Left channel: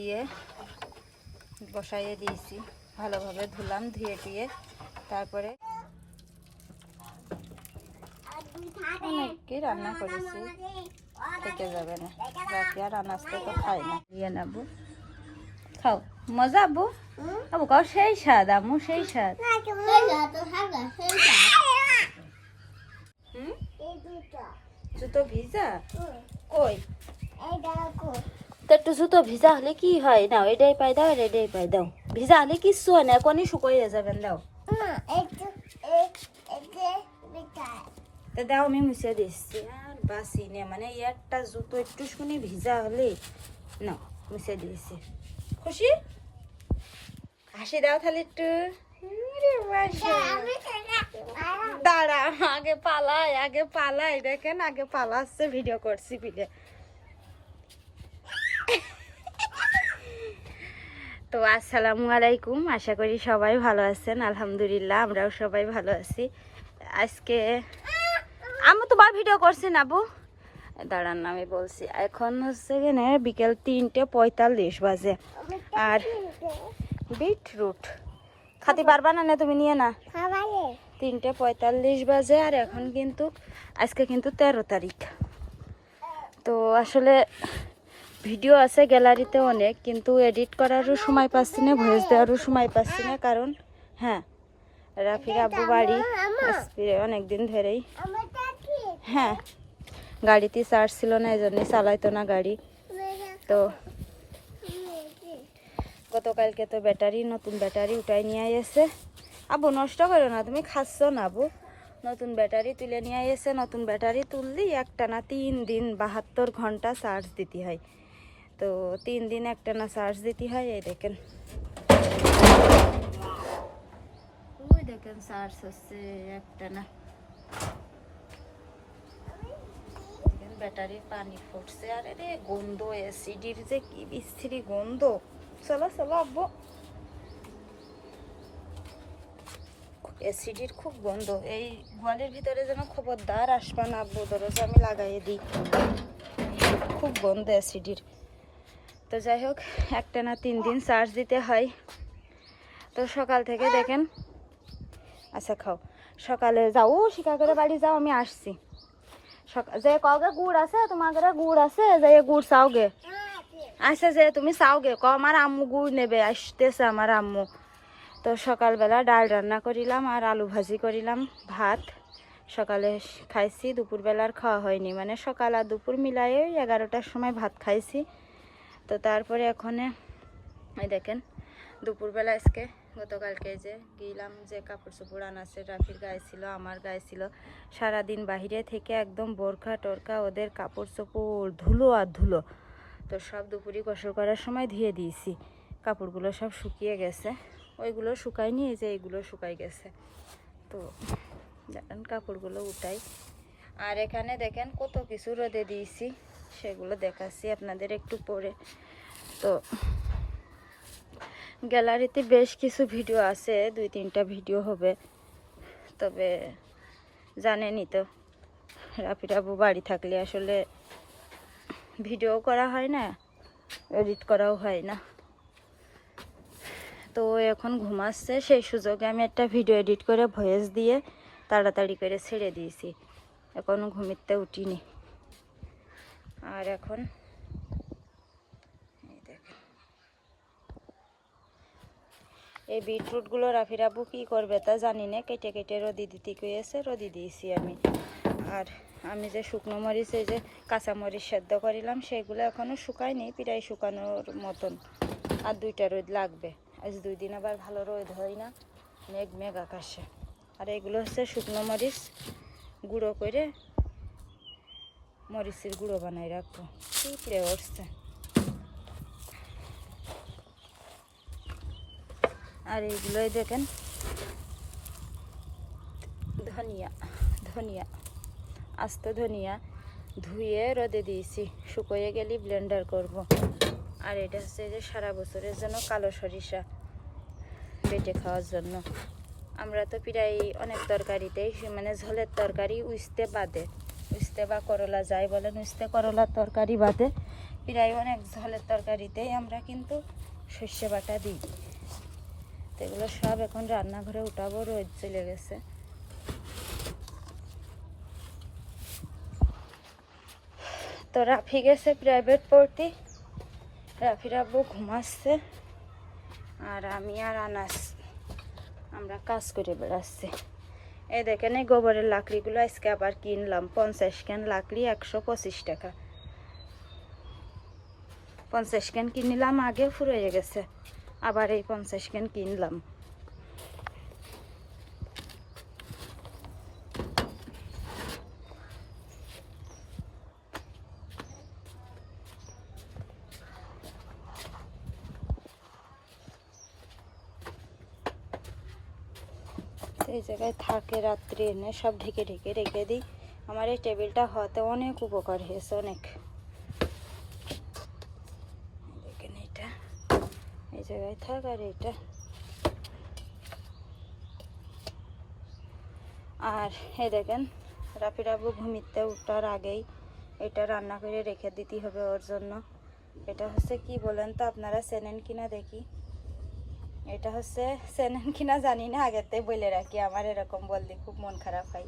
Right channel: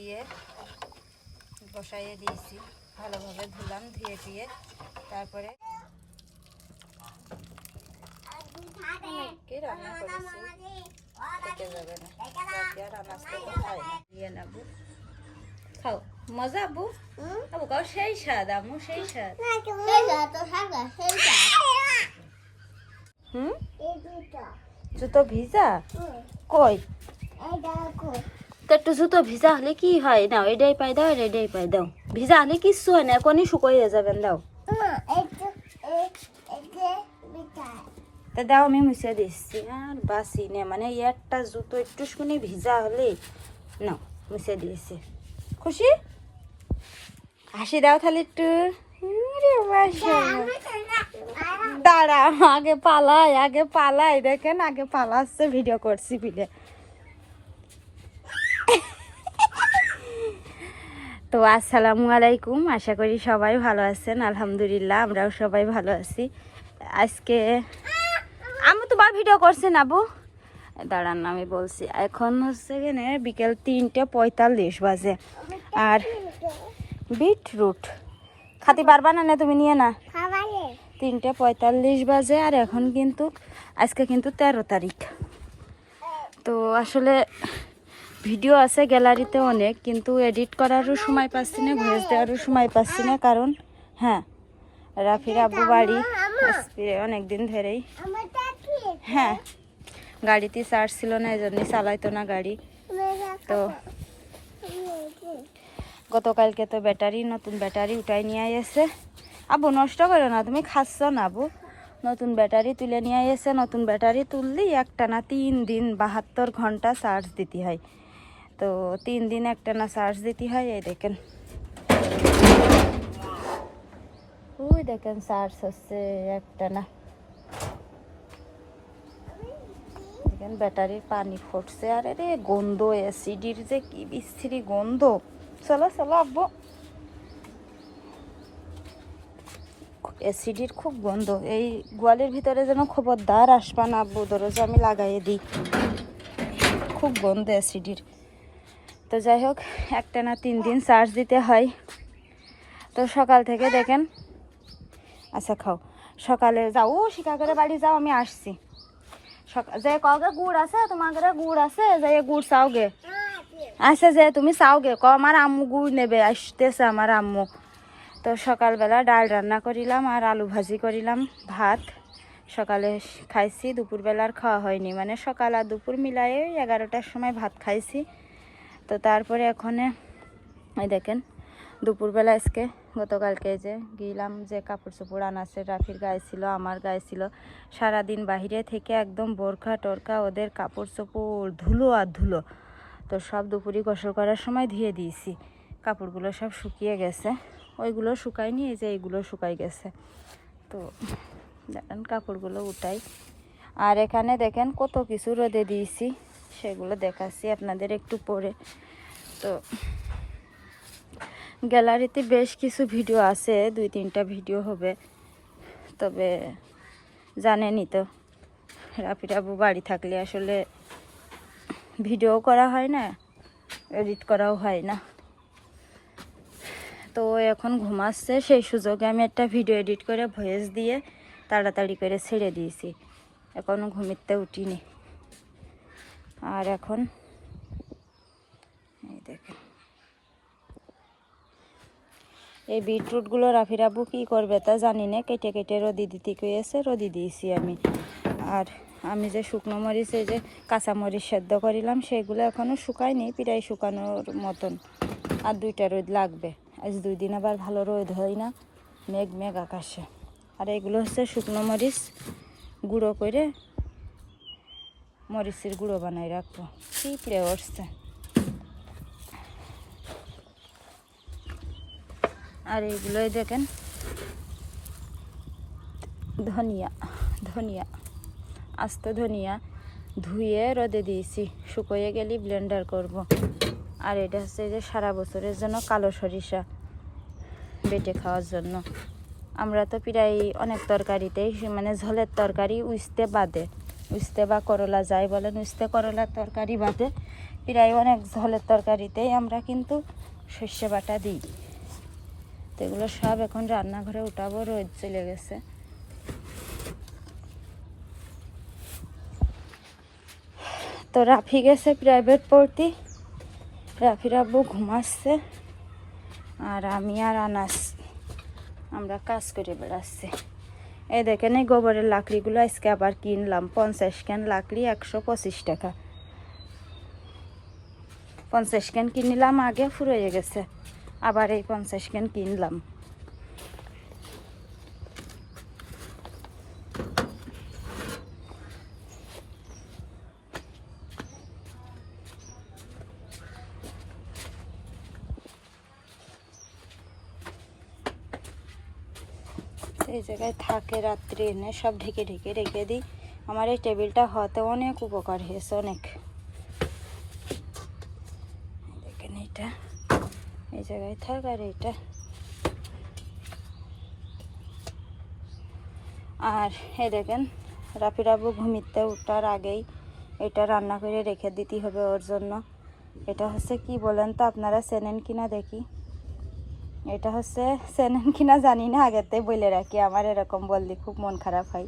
দিয়ে বসাইয়ে দিয়েছি। ভালোভাবে ধুলাম, ধুয়ে টুয়ে তারপরে অনেককে রান্না করেছি। থেকে যাবে না। রাতে আর আনাজটা তো খাই না। দিয়ে নেব। খাও। মজা আবু আবু কাও সেই স্বাদ আমু সেই স্বাদ। হুম? জুতো ভিজা? কই? তো একটু জুতো ভিজা হলে কি হয়? নাও, এটাই পাই দাও এটাই পাই দাও। ভিজা হলে কিচ্ছু হয় না এখনই শুকোইয়ে যাবেন দাও তা দাও, আমি মুছে দিচ্ছি। আর বাসি নে মানে একটা জুতো একটু শুনি ভিজা হলে, নাও, মুছে দিয়েছি। খুশি? হাসি দাও তাহলে একটু। দাঁড়া আগে পালাই আগে পালাই। দেখেন, আগে পালাচ্ছে ভিডিও করছি বিলে তো আসসালামু আলাইকুম আশা করি সবাই ভালো আছেন আলহামদুলিল্লাহ আমরাও সবাই ভালো আছি। আজকে আমি তোমার ভিডিও করছেন আবু দাঁড়ান আমি বলছি এখন হচ্ছে এখানে বিকেল তিনটে পঁয়তাল্লিশ বাজে। আর বিটরুট খাতে পারবা না না তুমি নিয়ে না? তিনটে পঁয়তাল্লিশ বাজে আর এখন কিন্তু আজকে কিন্তু তেরো তারিখ। তো আসলে ভিডিও আছে, গ্যালারিতে অনেক, কিন্তু এডিট করারও সময় পাচ্ছি না ভয়েস দেওয়ারও সময় পাচ্ছি না, কারণ হ্যাঁ রাফির আব্বু বাড়ি অনেক দিন ধরেই। হ্যাঁ গাড়িতে চার্জ ছিল না এই জন্যই চালাইতো না গাড়ি। তো, গতকালকে তো ব্যাটারি, নতুন ব্যাটারি উঠাই নিয়ে এসে আবু নষ্ট করো না, তুমি খাচ্ছ না আবু নতুন ব্যাটারি তুলে নিয়ে এসে নতুন ব্যাটারি তুললি একটা না তিন দিন বাহাত্তর ঘণ্টা চার্জ দিতে হয়। তো তিন দিন একটা না চার্জ দিতে হয়, এই দেখেন। ওই দেখেন চার্জ হচ্ছে একটা না। দেখেন ব্যাটারির পানি ফুটছে, আর রে, গন্ধ অ্যাসিডির যে কি বিশ্রী গন্ধ। চলো চলো, আব্বু। অ্যাসিডির খুব গন্ধ, এই গোয়ালের ভিতরে যেন খবরদার আসবা না আব্বু দরজা আমি লাগাইয়ে দিই। খুব গন্ধ অ্যাসিডির তো যাই হোক, একটা না তিন দিন চার্জ দিতে হয়। তো সকাল থেকে দেখেন আচ্ছা খাও, সকালে যাও ও সীতাগরের বাড়ি যাও, আমি আসছি। যে কগে গুড় আছে তোমার ঘরে গুড় আছে যে গুড় চাওগে আচ্ছা যে তুমি চাওগে ক আমার আম্মু গুড় নেবে, আসতেছে আমার আম্মু। তো সকালবেলা ডাল রান্না করিলাম আর আলু ভাজি করিলাম, ভাত। সকালে খাইছি দুপুরবেলা আর খাওয়া হয়নি। মানে সকাল আর দুপুর মিলাই এগারোটার সময় ভাত খাইছি। তো তারপরে এখানে, এই দেখেন, দুপুরবেলা আজকে, গতকালকে যে গেলাম যে কাপড় চোপড় আনাছে রাফির গায়ে ছিল, আমার গায়ে ছিল, সারাদিন বাহিরে থেকে একদম বোরখা টরকা ওদের কাপড় চোপড় ধুলো আর ধুলো। তো সব দুপুরি গোসল করার সময় ধুয়ে দিয়েছি। কাপড়গুলো সব শুকিয়ে গেছে। ওইগুলো শুকায়নি, এই যে এইগুলো শুকাই গেছে। তো দেখেন, কাপড়গুলো উঠাই। আর এখানে দেখেন, কত কিছু রোদে দিয়েছি। সেগুলো দেখাচ্ছি আপনাদের একটু পরে। তো গ্যালারিতে বেশ কিছু ভিডিও আছে, দুই তিনটা ভিডিও হবে। তবে জানেনই তো, রাফিরাবু বাড়ি থাকলে আসলে ভিডিও করা হয় না, এডিট করাও হয় না। তো এখন ঘুমাচ্ছে, সেই সুযোগে আমি একটা ভিডিও এডিট করে ভয়েস দিয়ে তাড়াতাড়ি করে ছেড়ে দিয়েছি। এখনও ঘুমিতে উঠিনি। আর এখন এই দেখেন। এই বিটরুটগুলো রাফিরাবু কী করবে তা জানি না। কেটে কেটে রদি দিতে কয়েছে রদি দিয়েছি আমি। আর আমি যে শুকনো মরিচ, এই যে কাঁচা মরিচ সেদ্ধ করিলাম, সেগুলো এখনও শুকায়নি, প্রায় শুকানোর মতন। আর দুইটা রোদ লাগবে। আজ দুই দিন আবার ভালো রোদ হয় না, মেঘ মেঘ আকাশে। আর এগুলো হচ্ছে শুকনো মরিচ, গুঁড়ো করে মরিচের গুঁড়ো বানাই রাখব। পিঁপড়ে উঠছে আর এইগুলোই দেখেন। ধনিয়া ধনিয়া, আস্ত ধনিয়া ধুয়ে রোদে দিয়েছি। শুকোয়ে গেলে ব্লেন্ডার করব। আর এটা হচ্ছে যে সারা বছরের জন্য কালো সরিষা বেটে খাওয়ার জন্য। আমরা তো প্রায় অনেক তরকারিতেই মানে ঝোলের তরকারি উস্তে বাদে। উস্তে বা করলা যাই বলেন, উস্তে করলার তরকারি বাদে প্রায় অনেক ঝোলের তরকারিতেই আমরা কিন্তু সর্ষে বাটা দিই। তো এগুলো সব এখন রান্নাঘরে উঠাবো, রোদ চলে গেছে। তো রাফি গেছে প্রাইভেট পড়তে। রাফির আব্বু ঘুমাচ্ছে আর আমি আর আনাস আমরা কাজ করে বেড়াচ্ছি। এই দেখেন, এই গোবরের লাকড়িগুলো আজকে আবার কিনলাম। পঞ্চাশ ক্যান লাকড়ি একশো পঁচিশ টাকা। পঞ্চাশ ক্যান কিনলাম, আগে ফুরিয়ে গেছে। আবার এই পঞ্চাশ ক্যান কিনলাম তো এই থাকে রাত্রি এনে সব ঢেকে ঢেকে রেখে দিই। আমার এই টেবিলটা হতে অনেক উপকার হয়েছে, অনেক। দেখেন এটা এই জায়গায় থাক আর এটা আর এ দেখেন, রাফি রাবু ঘুমিতে উঠার আগেই এটা রান্না করে রেখে দিতে হবে ওর জন্য। এটা হচ্ছে কি বলেন তো, আপনারা চেনেন কিনা দেখি। এটা হচ্ছে চেনেন কিনা জানি না আগেতে বলে রাখি, আমার এরকম বললে খুব মন খারাপ হয়।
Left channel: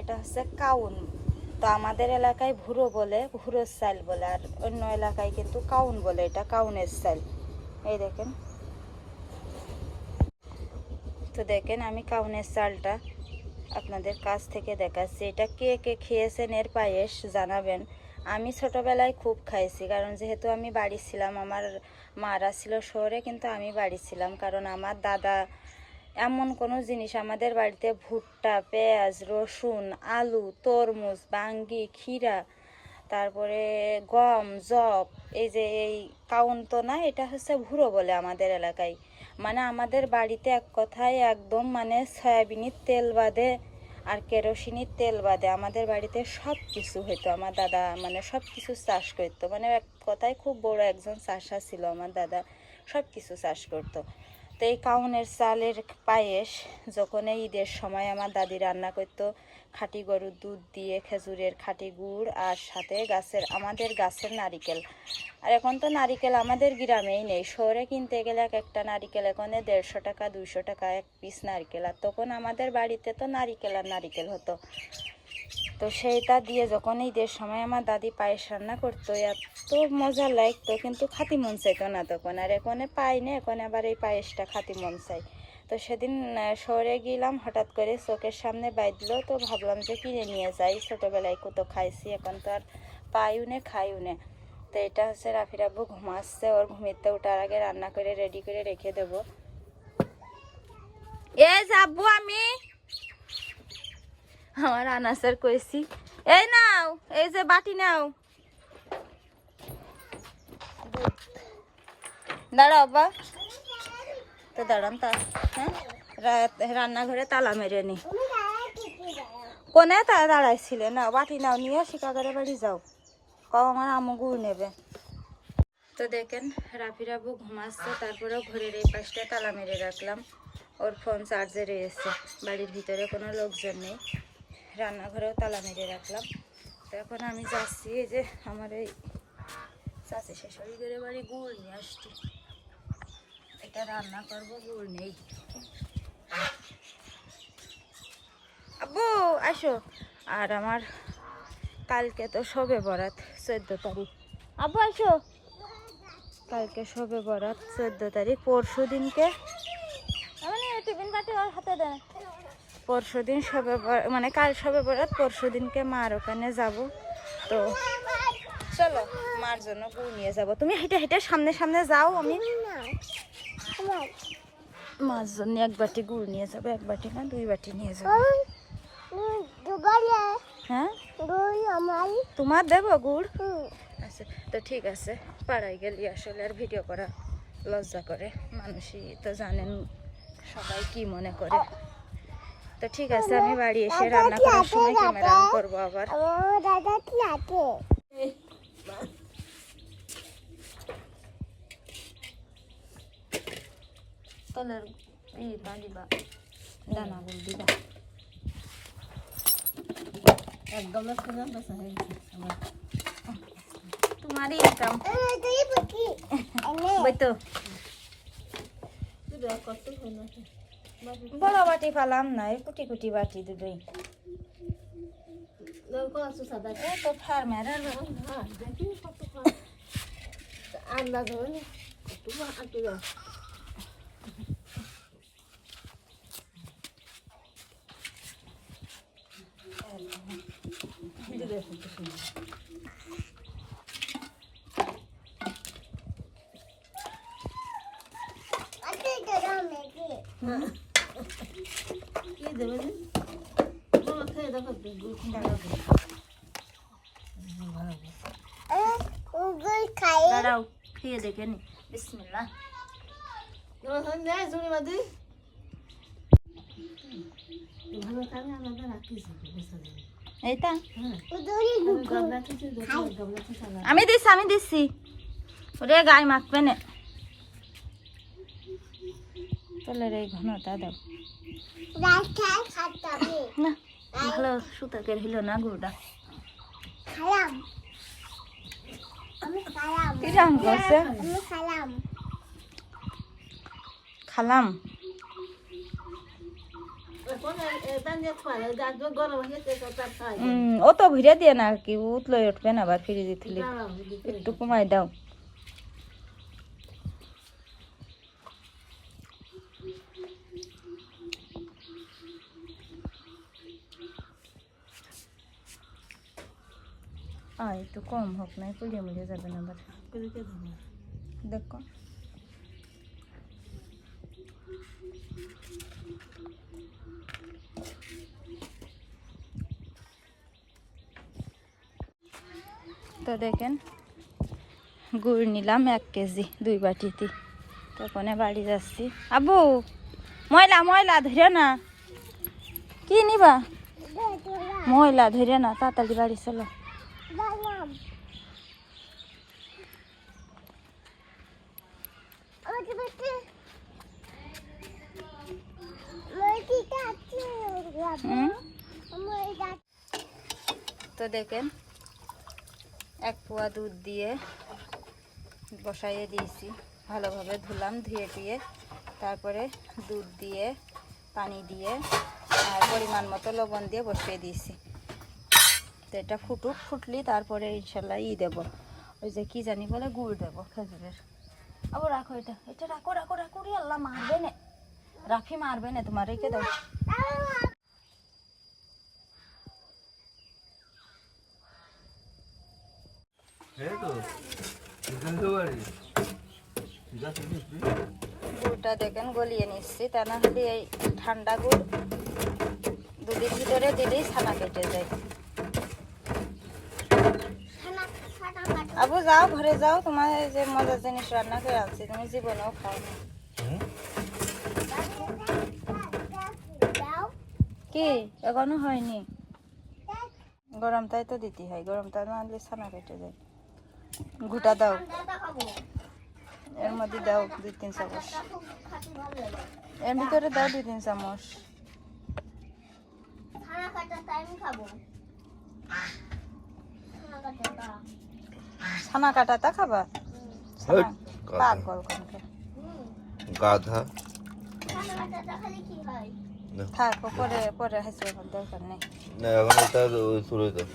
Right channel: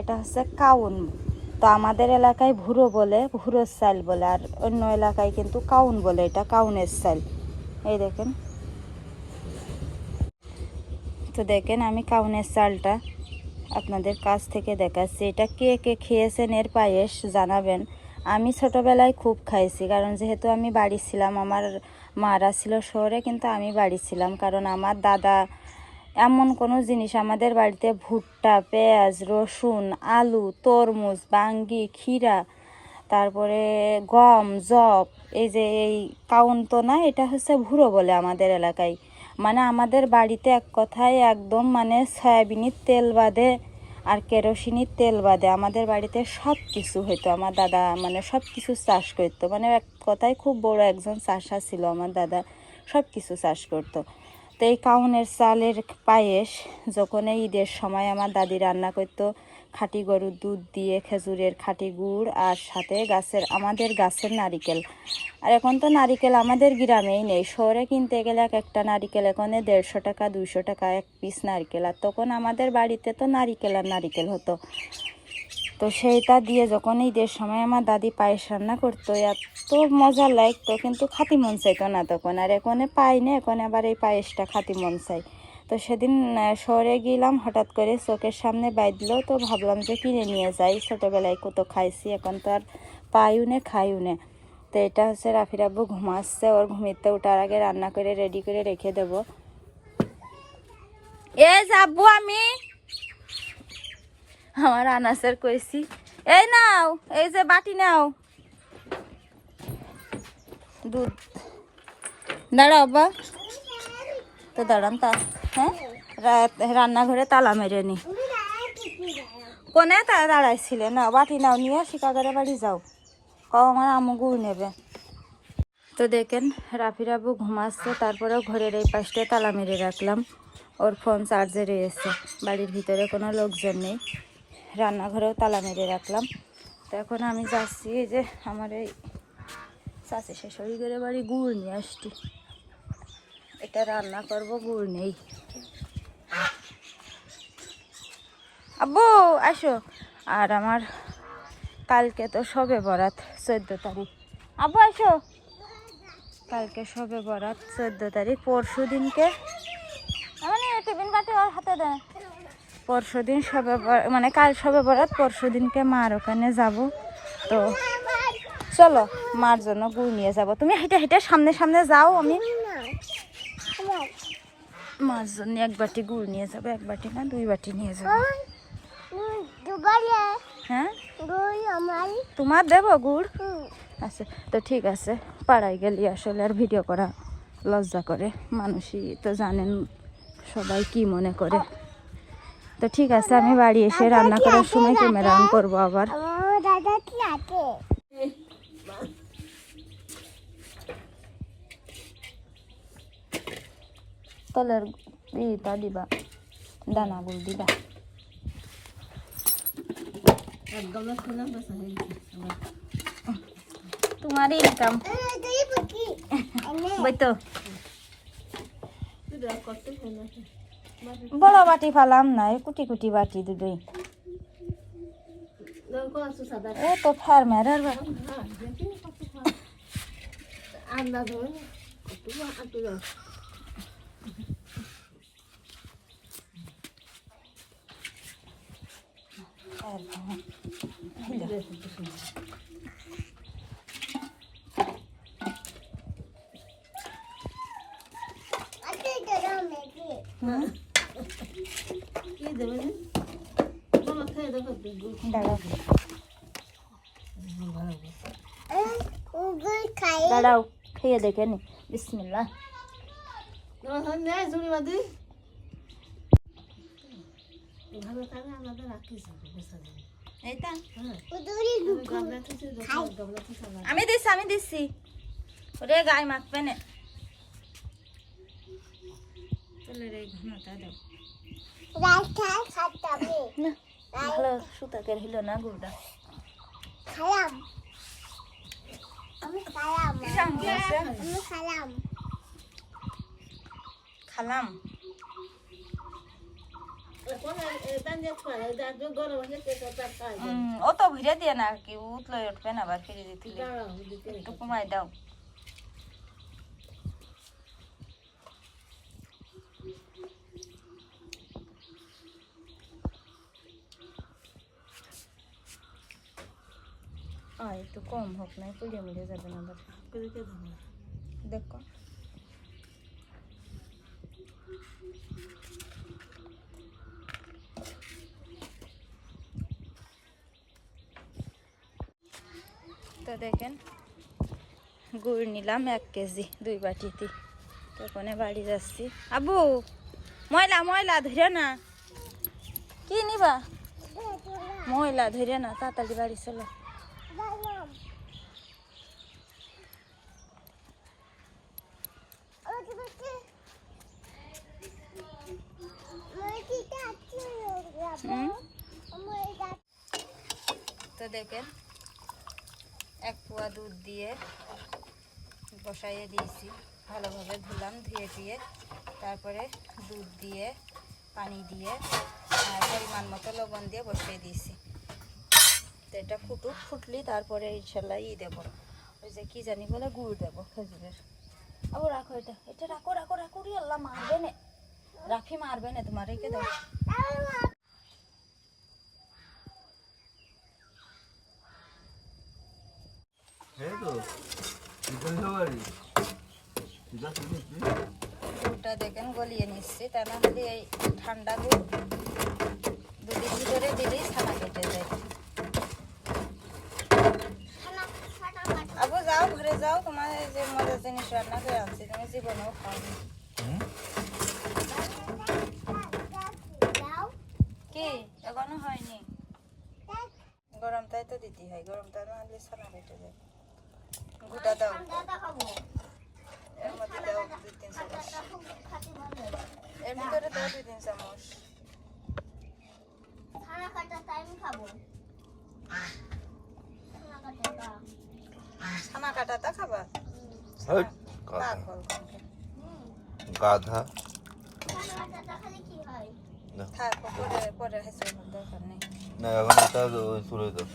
এটা হচ্ছে কাউন। তো আমাদের এলাকায় ভুরো বলে ভুরোর চাল বলে, আর অন্য এলাকায় কিন্তু কাউন বলে, এটা কাউনের চাল এই দেখেন। তো দেখেন আমি কাউনের চালটা আপনাদের কাছ থেকে দেখাচ্ছি। এটা কে কে খেয়েছেন, এর পায়েস জানাবেন। আমি ছোটোবেলায় খুব খাইছি, কারণ যেহেতু আমি বাড়ি ছিলাম, আমার মারা ছিল শহরে, কিন্তু আমি বাড়ি ছিলাম। কারণ আমার দাদা এমন কোনো জিনিস আমাদের বাড়িতে ভুট্টা, পেঁয়াজ, রসুন, আলু, তরমুজ, বাঙ্গি, ক্ষীরা, তারপরে গম জব এই যে এই কাউন তো না এটা হচ্ছে ভুরো বলে আমাদের এলাকায়। মানে আমাদের বাড়িতে এক কথায় একদম মানে সয়াবিনের তেল বাদে আর কেরোসিনের তেল বাদে আমাদের বাড়িতে সব কিছু হইতো। আমার দাদা মানে সব কিছু চাষ করতো। মানে এক কথায় খুব বড় একজন চাষা ছিল আমার দাদা সব কিছু চাষ করতো। তো এই কাউনের চালের পায়েস যখন এই ঈদের সময় আমার দাদি রান্না করতো খাঁটি গরুর দুধ দিয়ে খেজুরের খাঁটি গুড় আর সাথে গাছের, আমাদের গাছের নারিকেল। আর এখন তো নারিকেল আমাদের গ্রামেই নেই। শহরে কিনতে গেলে এক একটা নারিকেল এখানে দেড়শো টাকা, দুইশো টাকা, এক পিস নারকেল। আর তখন আমাদের বাড়িতে তো নারিকেল আর নারিকেল হতো। তো সেইটা দিয়ে যখন ঈদের সময় আমার দাদি পায়েস রান্না করতো, এত মজা লাগতো, কিন্তু খাতি মন চাইতো না তখন। আর এখানে পাই না, এখন আবার এই পায়েসটা খাতি মন চাই তো সেদিন শহরে গেলাম, হঠাৎ করে চোখের সামনে বাইদলো তো ভাবলাম যে কিনে নিয়ে যাই। ছোটোবেলায় কত খাইছি, এখন তো আর পাইও নে, খাইও নে। তো এটা হচ্ছে রাফির আব্বু ঘুমাচ্ছে, ওর ঘুমিতে ওঠার আগে রান্না করে রেডি করে রেখে দেবো। এ যাব আমি। আমার আনাসের কইছি এই নাও, এই যে বাটি নাও। দুধ। দাঁড়াও বা তো দাঁড়ান তা হ্যাঁ? রান্নাঘরে তালা মেরে নি। কোনে তা দাঁড়াইছিলে? না বাটি নাও, নিয়ে শিকাগরে বাড়ি, যাও। কও আমার আমু গুড় নেবে। তো দেখেন রাফি রাবু ঘুমাচ্ছে, তারপরেও ঘরের এই পাশটা তালা মেরে রাখলাম। ওর ফোন চার্জে রয়েছে বাড়ির ভিতরে কোনো লোকজন নেই। রান্নাঘরেও তালা মেরে রাখলাম। তো এখন আমি যাচ্ছি যে আমার এই চাষি শাশুড়ি করে বাড়ি গুড় নিয়ে আসছি। এটা রান্না করব, গুড় নেই। আব্বু আসো আর আমার কালকে তো সবে বরাত, চোদ্দ তারিখ। আব্বু আসো কালকে সবে বরাত, চোদ্দ তারিখ, পরশু দিনকে। মানে টিফিন বাটি ওর হাতে দেয় পরশু দিন সবে মানে কাল সবে বরাত, পরশু দিনকে মার ওখানে যাব। তো চলো, মার জন্য গুড় নিয়ে যাব। তুমি হেঁটে হেঁটে সামনে সামনে যাও আমি। মার জন্য এক বাটি গুড় নিয়ে যাবে এক বাটি না দুই বাটি নিয়ে যাবে। হ্যাঁ? তোমার দেবো গুড়? আচ্ছা তো ঠিক আছে পাড়ায় গেলি আসলে আর ভিডিও করা লজ্জা করে। মানুষই তো জানেন সবাই কি মনে করে। তো ঠিক আছে আমি বাড়ি এসে রান্না করার সময় ক্যামেরা অন করব আবার। দাদা কি তলের ইটা দিবা। দানাগুলো দিবা তোমারই ইনকাম তুই বুকি এনে বই তো বড় বাটি ফালাম না কুটি কুটি বাটি দুটোই ও তো ফার্মার আতে তোরা মেকি উগুল খাই দাঁড়াও খেয়ে দেখে নি। বিসমিল্লা এইটা উদুরি আমি দিচ্ছি আমি দিচ্ছি ওরে গায়ে মাখবে না। তাহলে রে ঘনটা দাও। না। ভালো সুতাকের হইল না গুড়টা খালাম। আমি খালাম। কিরাম গেছে আমি খালাম। খালাম? উম, ও তো ভিড়ে দিয়ে না কি উতলো উঠবে না আবার ফিরে দিতে একটু কমাই দাও। আয় একটু কম হোক না পুড়িয়ে মুড়িয়ে যাবে না আবার দেখো। তো দেখেন গুড় নিলাম এক কেজি দুই বাটিতে। তখন বাড়ি যাচ্ছি। আবু ময়লা ময়লা ধরে না। কি নিবা? ময়লা ধরে না তাড়াতাড়ি বাড়ি চলো খালাম ওকে বেটে মই কি কাছে হুম মই যাচ্ছি তো দেখেন, এক পোয়া দুধ দিয়ে বসাইয়ে দিয়েছি। ভালোভাবে ধুলাম, ধুয়ে টুয়ে তারপরে দুধ দিয়ে, পানি দিয়ে আর পরিমাণ মতো লবণ দিয়ে বসিয়ে দিয়েছি। তো এটা ফুটুক, ফুটলি তারপরে ইনশাল্লাহ ই দেবো। ওই যে কি জানি বলে, গুড় দেবো খেজুরের। আবার রাখো এটা এটা রাখো রাখো রাখো আল্লাহ, মারবে না। রাফি মারবে না তোমার, রেখে দাও। গুড়টা দেখেন, গলিয়ে নিচ্ছি। তা না হলে এই ঠান্ডা গুড় দুধের ভিতরে দিলেই ছানা কেটে যায়। আবু, যাও, ঘরে যাও। তোমার যে মজার জিনিস রান্না করে আনছি, তুমি জীবনেও খাও কি? এখনও হয়নি? গরম তাই তো দিতে হয়। গরমটা না আনলে ছানা কেটে যায়। ঘুটা দাও। এর মধ্যে দাও দুই তিন চামচ। এর ভিতরে দাও দুই তিন চামচ। ছানা কাটাটা খাবা? পাগল গাধা। থাক পরে পরে হেসে দরকার নেই। না এখন এটা চুলে দাও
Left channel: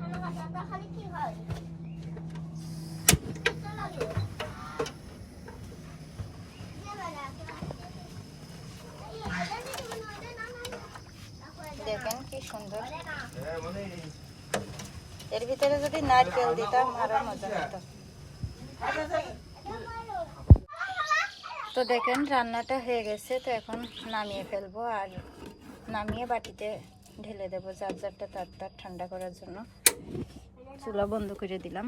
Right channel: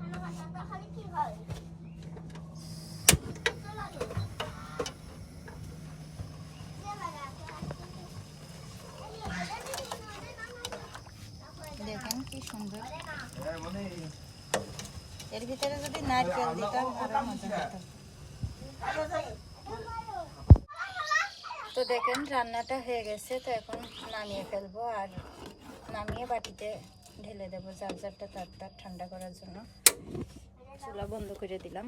খানা কাটাটা খালি কি হয় দেখেন কি সুন্দর এর ভিতরে যদি নারকেল দিতাম, আরও মজা হতো তো দেখেন, রান্নাটা হয়ে গেছে, তো এখন নামিয়ে ফেলব আর নামিয়ে বাটিতে ঢেলে দেবো যার যারটা তার তার ঠান্ডা করার জন্য। চুলা বন্ধ করে দিলাম।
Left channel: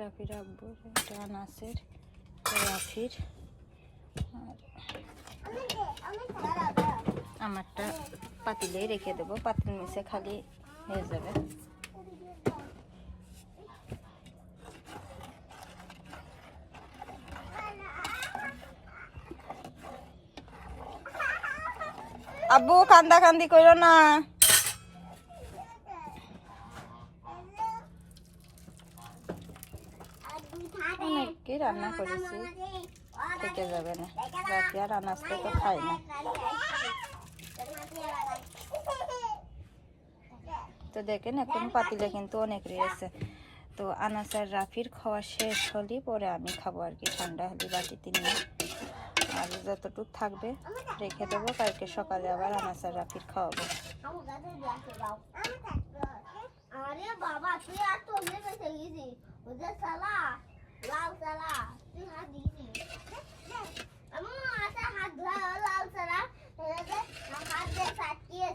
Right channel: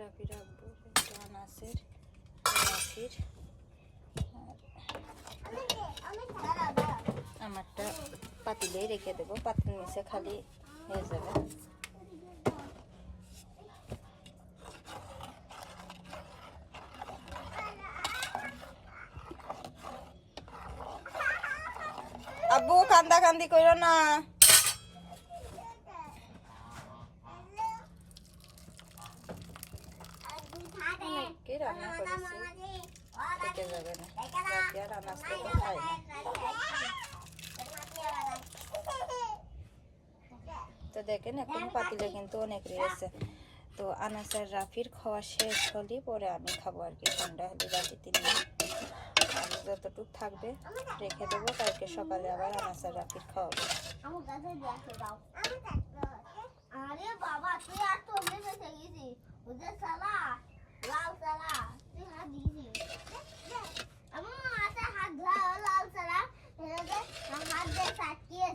রাফি রাখব এটা আনাসের রাফির। আমারটা পাতিলেই রেখে দেবো। পাতিল নিচে খালি হয়ে যাবে। আব্বু কান্দা কান্দি করো না। অনেকই রান্না করেছি। থেকে যাবে না। রাতে আর আনাজটা তো খাই না। তো দেখেন, এখন পাতিলে কিন্তু অনেক রয়েছে তো আনাস আর রাফির খাওয়া শেষ হলে পরে আমি খাব আর কি, ঠান্ডা হলে বাটিতে নিয়ে। আর যতটুকু থাকবে রেখে দেবো, কালকে সকালে আবার আনাস আর রাফির খাওয়াবো।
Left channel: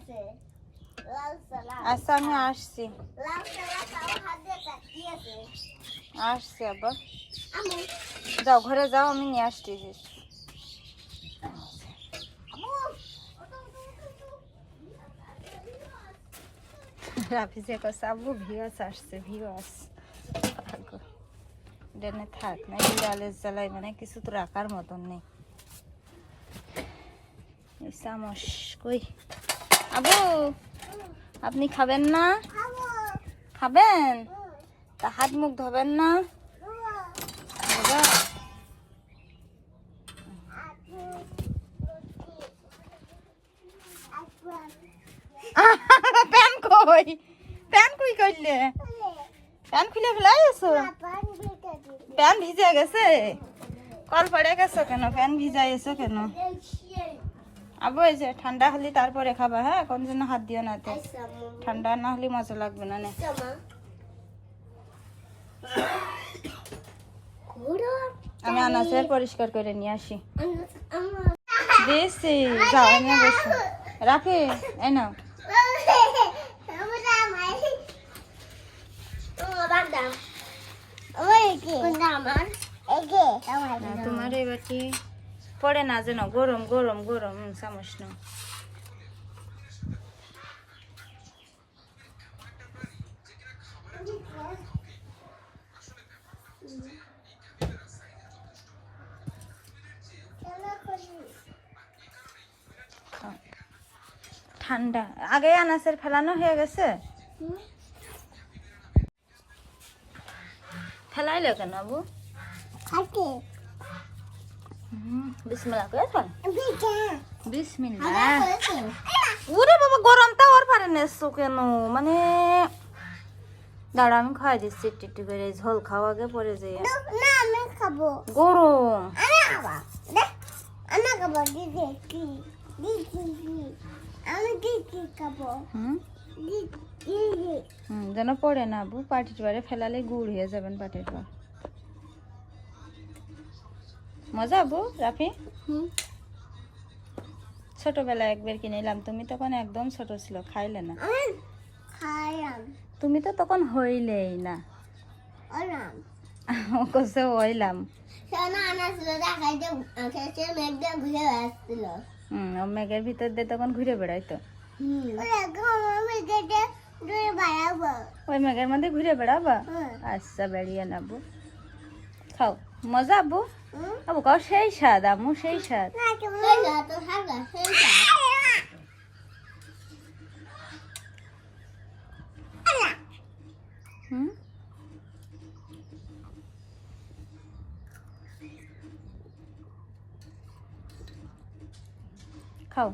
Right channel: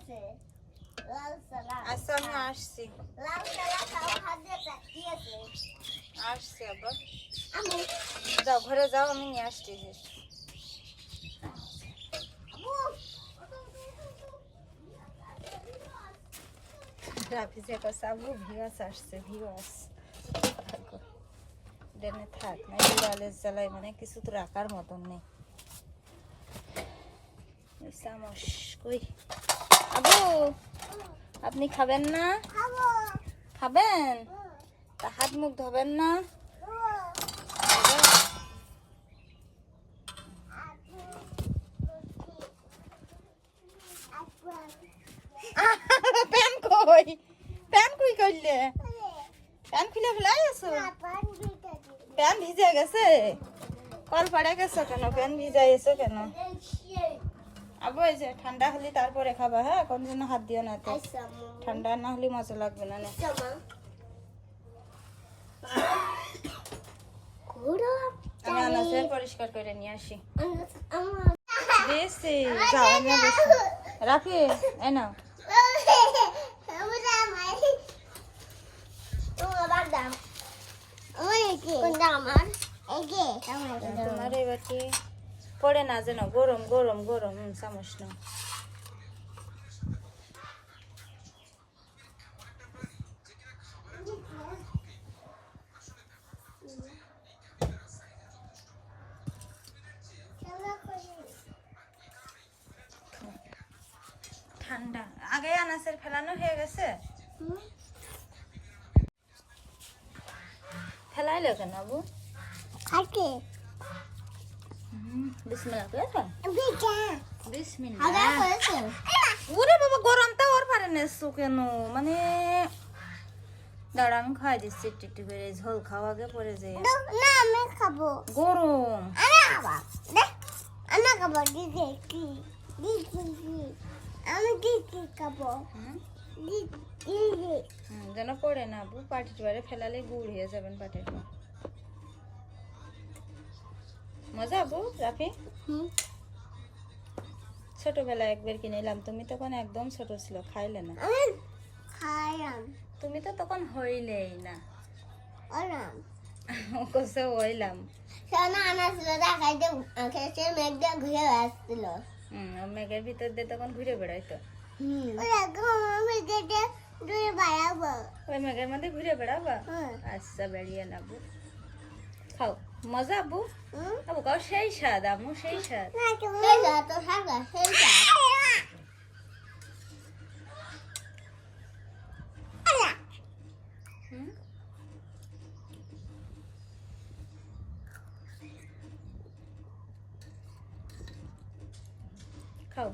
হাত আচ্ছা আমি আসছি। আসছি আবার। যাও, ঘরে যাও, আমি নিয়ে আসছি আমু রাফি যে কছে আব্বু ভিওয়াস আসছে ভিওয়াস ডেনে থাক, না বিড়ালের জ্বালায় মানে কিছু তো রাখার মতন নেই। চামচ কই? আবু! আপনি খাবেন না? খাবেন? তা হাত মুখ ধোবেন না? প্যান প্যান কই করলে খুলে ভিজে গেছে? কল পড়ে গেছো কেন? প্যান ভিজাই এসো কেন? আবু এই যে ঠান্ডা হলে তারপরে খাবা হ্যাঁ? কোন জন্য হাত দিও না। ঠান্ডা না হলে মজা লাগবে না নে। আমি আনাসের পরিষ্কার করে নিয়ে আসি। দিয়েছি যাও এনে বসো। এই নাও। হ্যাঁ, তোমার এবার কি পড়ে না যেন গরম গরম গরম চামচ নাও। ঠান্ডা। আগে আনাসের ফেলানো হয়ে গেছে? ফেলাইলো কেন আবু হুম, বিসমিল্লাহ করে ফেল বিসমিল্লাহ ওরে বাবা গরমটা ওর পারে নেছো কেন? মানে দাঁড়া আমি খাই দিচ্ছি একটু একটু করে। ঝোল খাওয়া আগে পরে খাব। গরম। আমি খাব দেখ আমি খাব দিদি কি? দিদি আমি দিদি খাব। হুম? যেন পড়ে না আবু পাটির বারে ফেলালে গুড় হয়ে যাবেন পাটির মজা আবু রাফি? হুম। ছোটবেলায় একবার কিনে এলাম তুমি তখন একদম ছোট ছিল খাইলে না? তুমি তো তখন হইলেই না। ও হইলাম। হুম ও মেঘের ভিতর দিয়ে তখন ঘুরে বেড়াইতো? ওই মেঘের মধ্যে ঘুরে বেড়াবা? আচ্ছা বেরিয়ে নাবু। খাও। মজা আবু হুম আবু সেই স্বাদ আমু সেই স্বাদ। হুম? খাও।